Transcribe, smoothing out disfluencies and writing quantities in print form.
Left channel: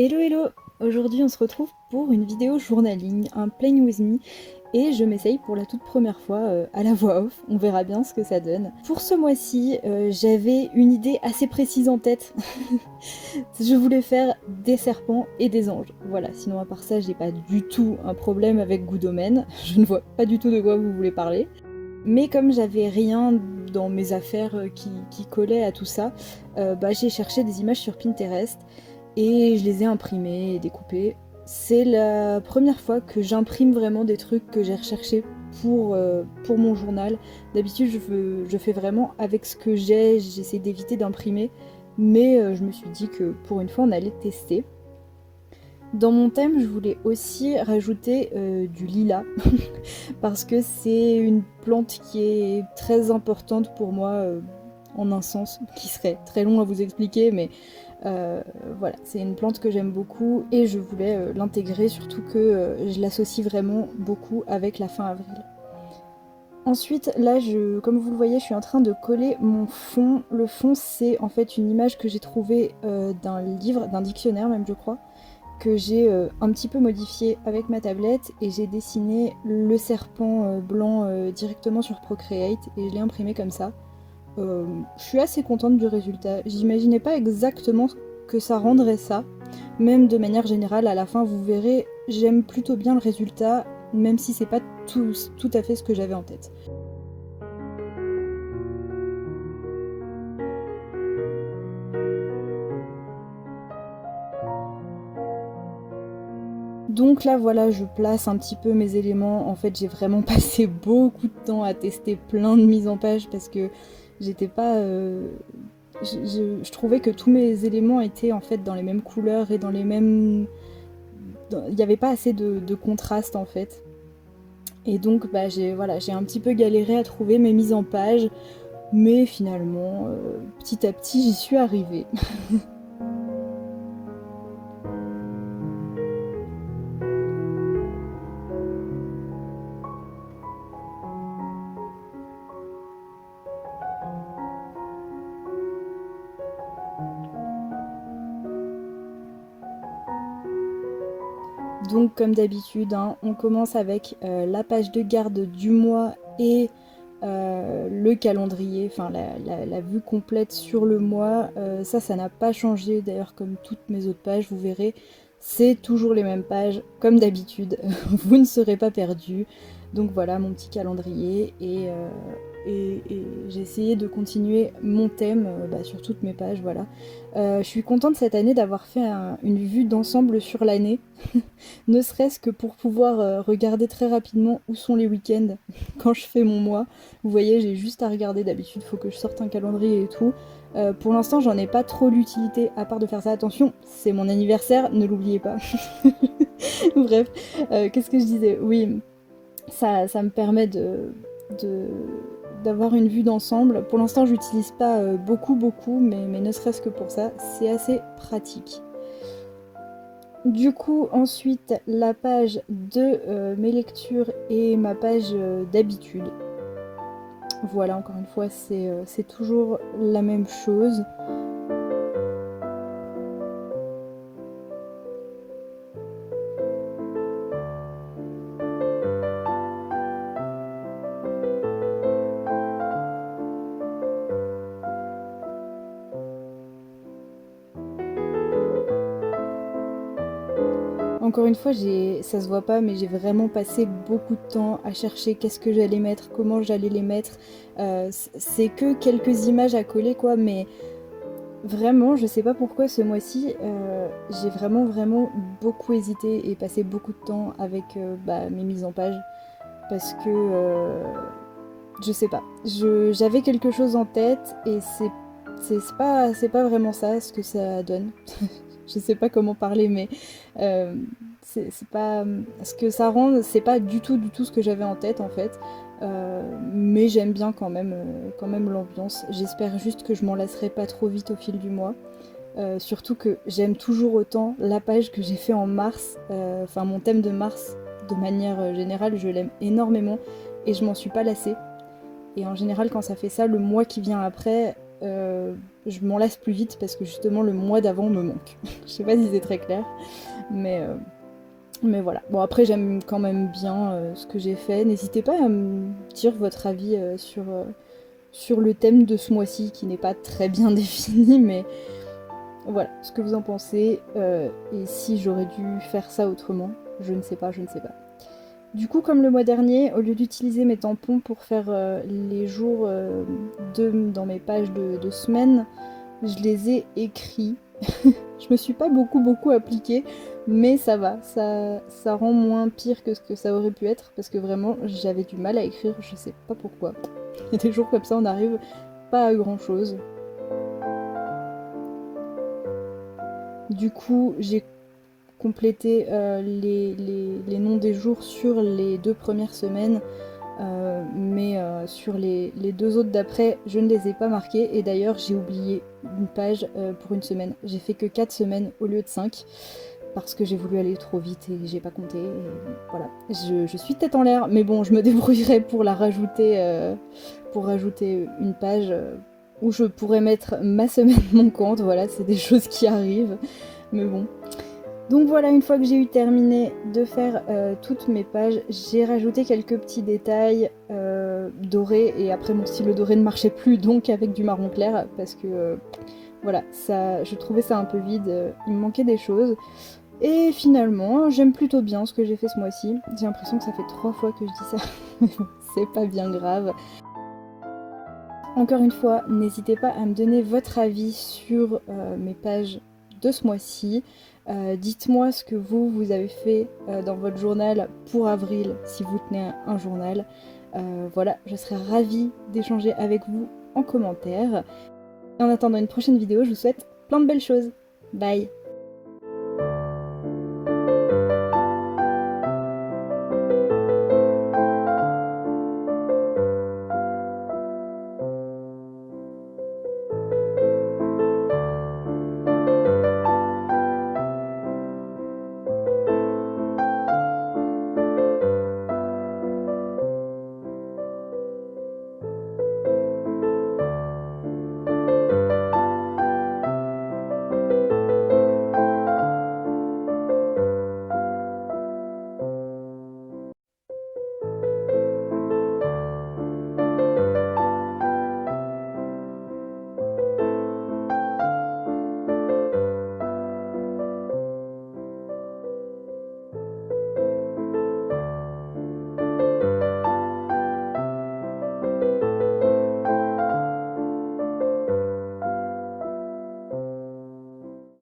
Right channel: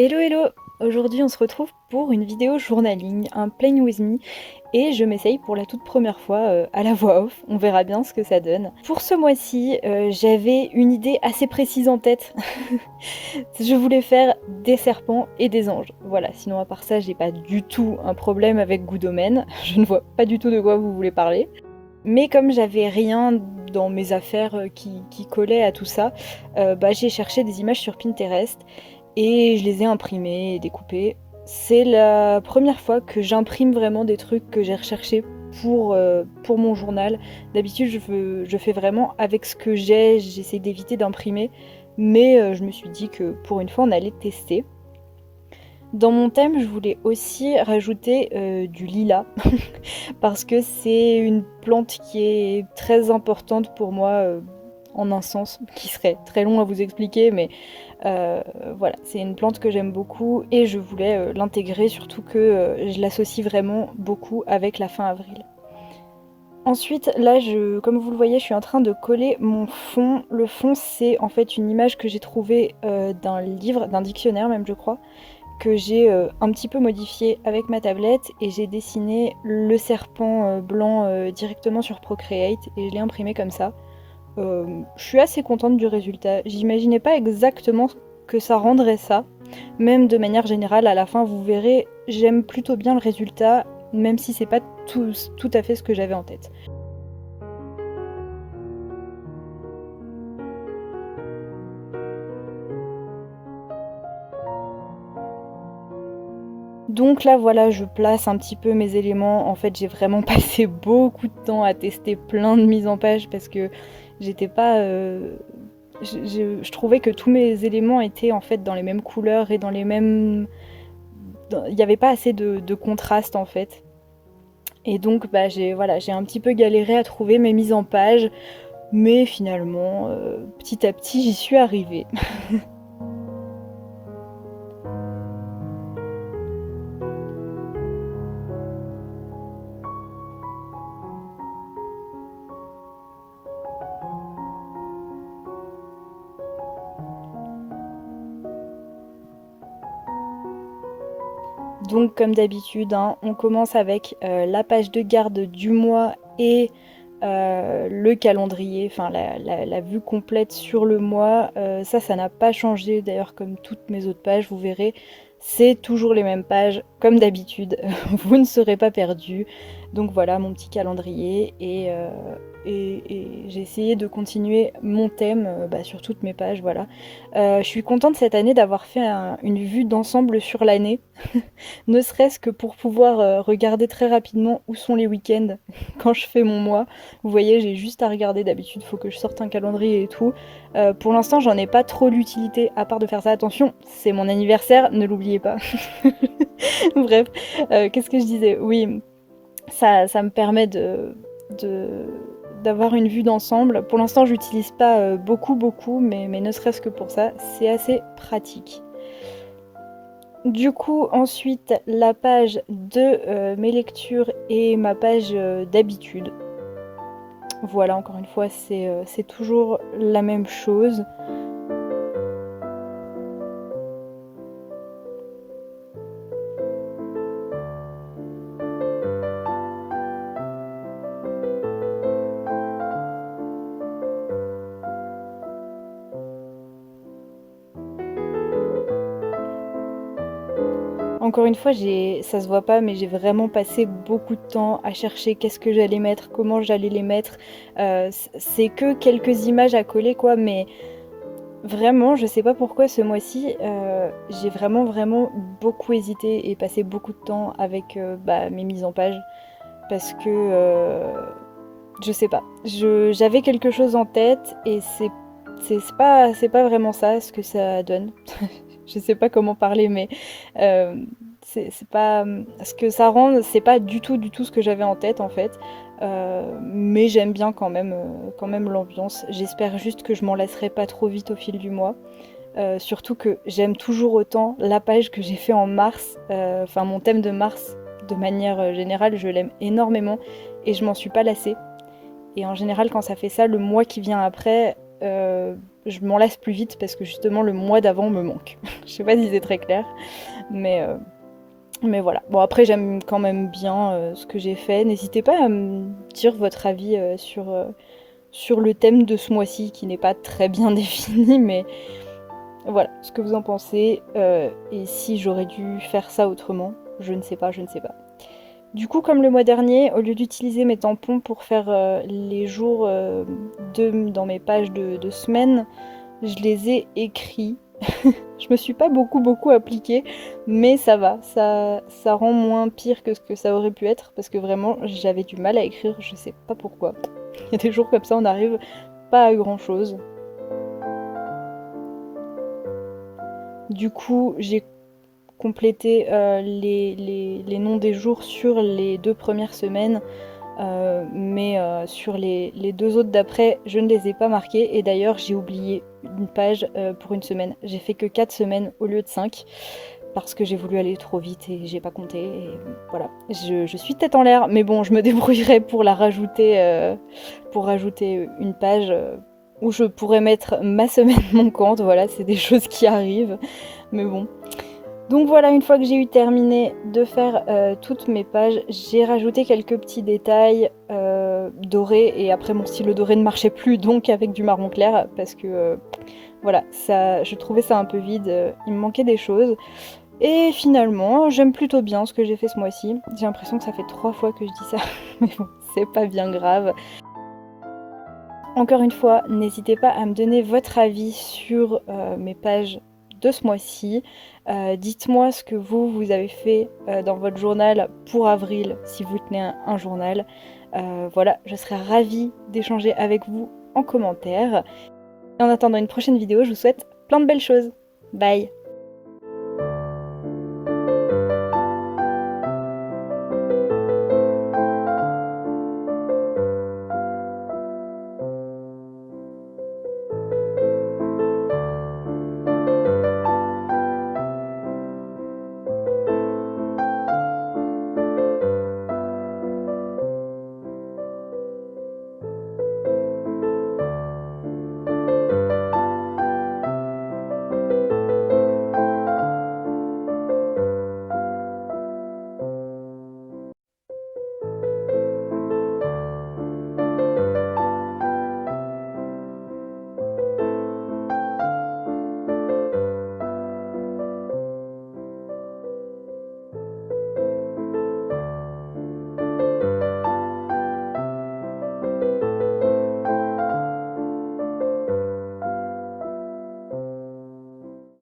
Hello hello! Aujourd'hui on se retrouve pour une vidéo journaling, un Plain With Me, et je m'essaye pour la toute première fois à la voix off, on verra bien ce que ça donne. Pour ce mois-ci, j'avais une idée assez précise en tête. Je voulais faire des serpents et des anges. Voilà, sinon à part ça, j'ai pas du tout un problème avec goût domaine, je ne vois pas du tout de quoi vous voulez parler. Mais comme j'avais rien dans mes affaires qui collait à tout ça, j'ai cherché des images sur Pinterest et je les ai imprimées et découpées. C'est la première fois que j'imprime vraiment des trucs que j'ai recherchés pour mon journal. D'habitude, je fais vraiment avec ce que j'ai, j'essaie d'éviter d'imprimer, mais je me suis dit que pour une fois, on allait tester. Dans mon thème, je voulais aussi rajouter du lilas, parce que c'est une plante qui est très importante pour moi en un sens qui serait très long à vous expliquer, mais voilà, c'est une plante que j'aime beaucoup et je voulais l'intégrer, surtout que je l'associe vraiment beaucoup avec la fin avril. Ensuite, là, comme vous le voyez, je suis en train de coller mon fond. Le fond, c'est en fait une image que j'ai trouvée d'un livre, d'un dictionnaire même, je crois, que j'ai un petit peu modifié avec ma tablette et j'ai dessiné le serpent blanc directement sur Procreate et je l'ai imprimé comme ça. Je suis assez contente du résultat. J'imaginais pas exactement que ça rendrait ça. Même de manière générale, à la fin, vous verrez, j'aime plutôt bien le résultat, même si c'est pas tout à fait ce que j'avais en tête. Donc là voilà, je place un petit peu mes éléments. En fait, j'ai vraiment passé beaucoup de temps à tester plein de mises en page parce que j'étais pas... je trouvais que tous mes éléments étaient en fait dans les mêmes couleurs et dans les mêmes... Il n'y avait pas assez de contraste en fait. Et donc j'ai un petit peu galéré à trouver mes mises en page, mais finalement, petit à petit, j'y suis arrivée. Donc comme d'habitude, hein, on commence avec la page de garde du mois et le calendrier, enfin la vue complète sur le mois. Ça n'a pas changé d'ailleurs, comme toutes mes autres pages, vous verrez. C'est toujours les mêmes pages, comme d'habitude, vous ne serez pas perdus. Donc voilà mon petit calendrier et j'ai essayé de continuer mon thème sur toutes mes pages, voilà. Je suis contente cette année d'avoir fait une vue d'ensemble sur l'année, ne serait-ce que pour pouvoir regarder très rapidement où sont les week-ends quand je fais mon mois. Vous voyez, j'ai juste à regarder, d'habitude, il faut que je sorte un calendrier et tout. Pour l'instant, j'en ai pas trop l'utilité, à part de faire ça. Attention, c'est mon anniversaire, ne l'oubliez pas. Bref, qu'est-ce que je disais? Oui, ça me permet de- d'avoir une vue d'ensemble. Pour l'instant, j'utilise pas beaucoup, mais ne serait-ce que pour ça, c'est assez pratique. Du coup, ensuite, la page de mes lectures et ma page d'habitude. Voilà, encore une fois, c'est toujours la même chose. Encore une fois, ça se voit pas, mais j'ai vraiment passé beaucoup de temps à chercher qu'est-ce que j'allais mettre, comment j'allais les mettre. C'est que quelques images à coller, quoi, mais vraiment, je sais pas pourquoi ce mois-ci, j'ai vraiment beaucoup hésité et passé beaucoup de temps avec mes mises en page. Parce que je sais pas. J'avais quelque chose en tête et c'est pas vraiment ça ce que ça donne. Je sais pas comment parler, mais euh, c'est pas ce que ça rend, c'est pas du tout ce que j'avais en tête en fait. Mais j'aime bien quand même l'ambiance. J'espère juste que je m'en lasserai pas trop vite au fil du mois. Surtout que j'aime toujours autant la page que j'ai fait en mars, enfin mon thème de mars de manière générale, je l'aime énormément et je m'en suis pas lassée. Et en général, quand ça fait ça, le mois qui vient après, je m'en lasse plus vite parce que justement le mois d'avant me manque. Je sais pas si c'est très clair, mais voilà. Bon, après, j'aime quand même bien ce que j'ai fait. N'hésitez pas à me dire votre avis sur le thème de ce mois-ci, qui n'est pas très bien défini, mais voilà, ce que vous en pensez. Et si j'aurais dû faire ça autrement, je ne sais pas, je ne sais pas. Du coup, comme le mois dernier, au lieu d'utiliser mes tampons pour faire les jours dans mes pages de semaine, je les ai écrits. Je me suis pas beaucoup appliquée, mais ça va, ça rend moins pire que ce que ça aurait pu être, parce que vraiment j'avais du mal à écrire, je sais pas pourquoi. Il y a des jours comme ça, on n'arrive pas à grand chose. Du coup, j'ai complété les noms des jours sur les 2 premières semaines, mais sur les 2 autres d'après, je ne les ai pas marqués. Et d'ailleurs, j'ai oublié une page pour une semaine. J'ai fait que 4 semaines au lieu de 5 parce que j'ai voulu aller trop vite et j'ai pas compté. Et voilà, je suis tête en l'air, mais bon, je me débrouillerai pour pour rajouter une page où je pourrais mettre ma semaine manquante. Voilà, c'est des choses qui arrivent, mais bon. Donc voilà, une fois que j'ai eu terminé de faire toutes mes pages, j'ai rajouté quelques petits détails dorés, et après mon stylo doré ne marchait plus, donc avec du marron clair, parce que voilà, je trouvais ça un peu vide, il me manquait des choses. Et finalement, j'aime plutôt bien ce que j'ai fait ce mois-ci. J'ai l'impression que ça fait 3 fois que je dis ça, mais bon, c'est pas bien grave. Encore une fois, n'hésitez pas à me donner votre avis sur mes pages de ce mois-ci. Dites-moi ce que vous avez fait dans votre journal pour avril, si vous tenez un journal. Voilà, je serais ravie d'échanger avec vous en commentaire. Et en attendant une prochaine vidéo, je vous souhaite plein de belles choses. Bye!